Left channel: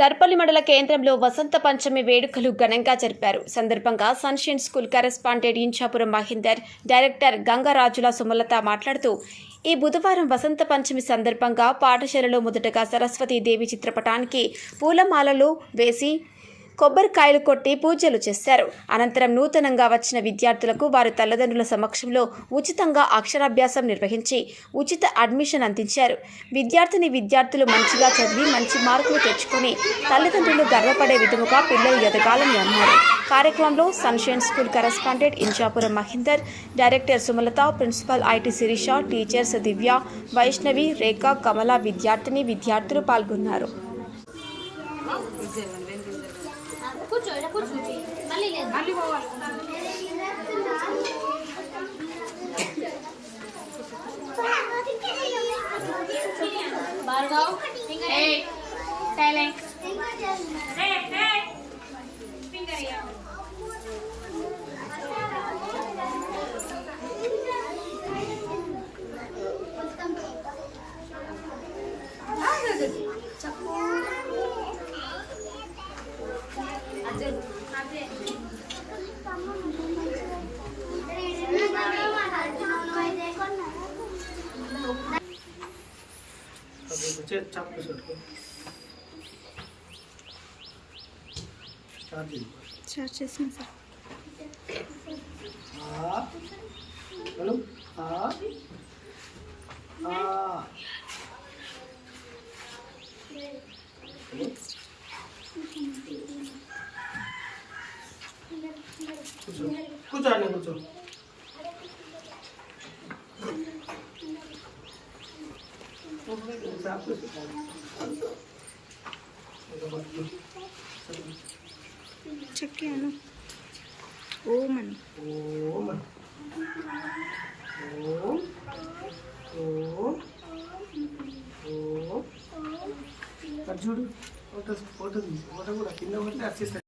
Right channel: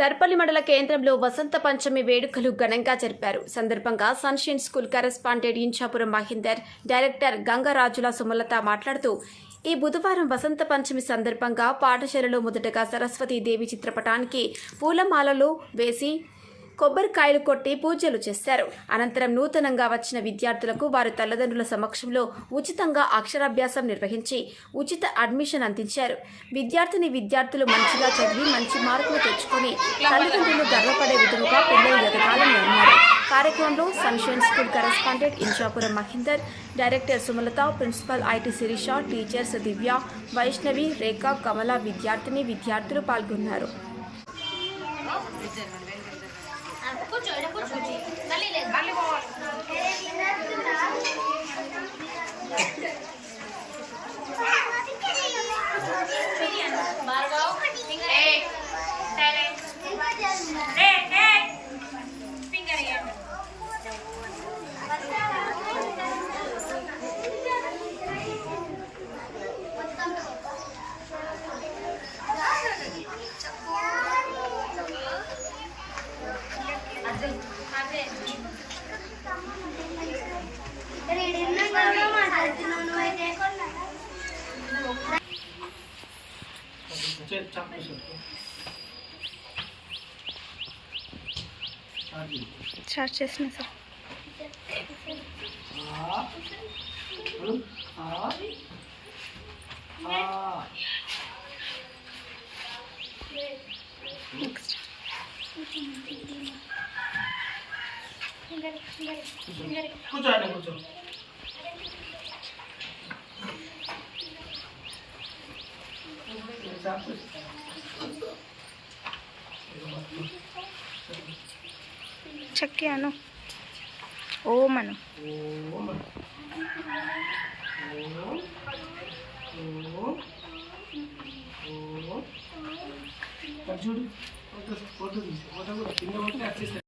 దర్పల్లి మండల కేంద్రంలో వసంత పంచమి వేడుకలు ఘనంగా జరిపారు. సందర్భంగా Sunshine school correspondent Inchapuram Mahender, director Gangarajula Sumalatha మాట్లాడుతూ, ఈ బుధవారం వసంత పంచమి సందర్భంగా పాఠశాలలో మొదటగా సరస్వతీదేవి చిత్రపటానికి పూలమాలలు వేసి కొబ్బరికాయలు కొట్టి పూజలు చేశారు. అనంతరం నూతనంగా వచ్చిన విద్యార్థులకు వారి తల్లిదండ్రుల సమక్షంలో ఉచితంగా అక్షరాభ్యాసం నిర్వహించి ఉచిత అడ్మిషన్ అందించారు. విద్యార్థులు మంచిగా చదివి మంచి మార్కులు తెచ్చుకొని తల్లిదండ్రులు గర్వపడే విధముగా పిల్లలు ఎదగాలని అన్నారు. కార్యక్రమంలో Sunshine school correspondent Inchapuram Mahender, director Sumalatha, principal IT Sirisha, teachers Divya, Vaishnavi, Rekha, Kamala, విద్యార్థులు పాల్గొన్నారు. స్టార్ట్ చేసిన సార్. కూర్చో. చక్కి అను ఓం అను. చూడు ఫోటో కూడా కింద కొట్టి అర్చిస్తారు.